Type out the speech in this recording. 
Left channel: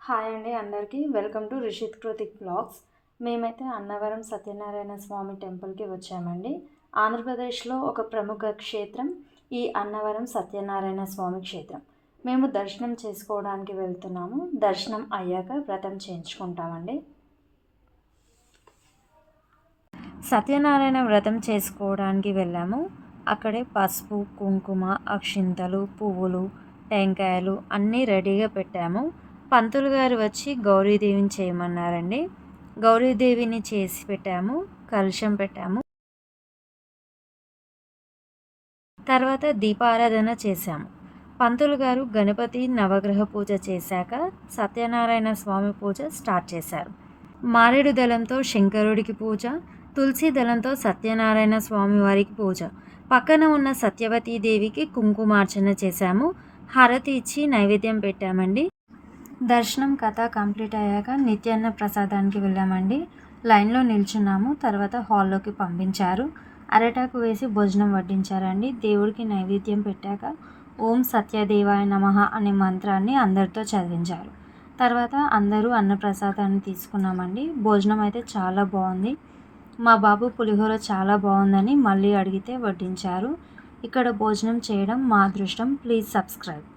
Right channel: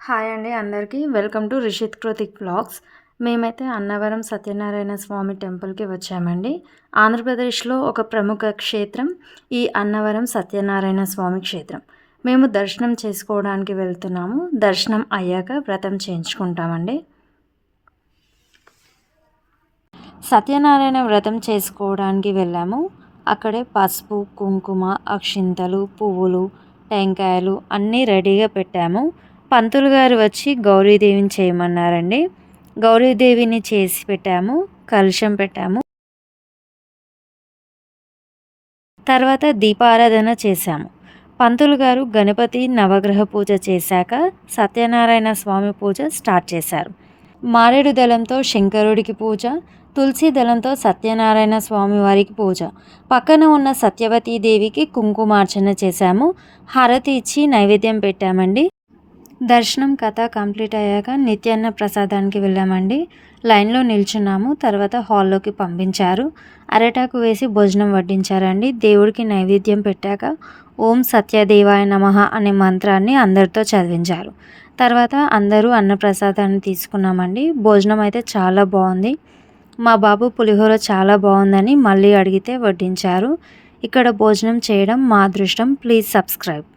Hi అండి అందరికీ welcome to Rishith Kritik blogs. మేమైతే అన్నవరం సత్యనారాయణ స్వామి టెంపుల్కి వచ్చామండి. ఆంధ్రప్రదేశ్లో ఒక ప్రముఖ క్షేత్రం ఈ అన్నవరం సత్యనారాయణ స్వామి క్షేత్రం. మేము దర్శనం చేసుకోవడానికి వెళ్తున్నాము. దర్శనం అయ్యాక వ్రతం చేయించుకుంటామండి. సత్యనారాయణ వ్రతం చేసుకోవడానికి వెళ్ళాము. అక్కడే పసుపు, కుంకుమ, అక్షింతలు, పువ్వులు, టెంకాయలు అన్నీ రెడీగా పెట్టాము. పంతులు గారు వచ్చి గౌరీదేవిని చేయమన్నారండి. గౌరీదేవిని చేసి పెట్టాము, కలశం పెట్టాము. తర్వాత దీపారాధన చేశాము. పంతులు గారు గణపతి నవగ్రహ పూజ చేశాక సత్యనారాయణ స్వామి పూజ స్టార్ట్ చేశారు. మారేడు దళంతో శంకరుడికి పూజ, తులసి దళంతో సత్యనారాయణ స్వామి వారికి పూజ, పక్కన ఉన్న సత్యవతీదేవికి కుంకుమార్చన చేశాము. హారతి ఇచ్చి నైవేద్యం పెట్టామండి. దర్శనం కథ కంప్లీట్ అయ్యాక నిత్యాన్న ప్రసాదానికి వెళ్ళామండి. లైన్లో నిల్చున్నాము. తర్వాత హాల్లోకి పంపించారు. అరటాకు వేసి భోజనం వడ్డించారండి. దేవుడికి నైవేద్యం పెట్టాక ఓం సత్యదేవాయ నమః అనే మంత్రాన్ని అందరితో చదివించారు. తర్వాత అందరూ అన్నప్రసాదాన్ని తీసుకున్నామండి. భోజనం అయితే చాలా బాగుంది. మా బాబు పులిహోర చాలా బాగుందని మళ్ళీ అడిగితే వడ్డించారు. ఇక్కడ భోజనం చేయడం మా అదృష్టం. Please subscribe.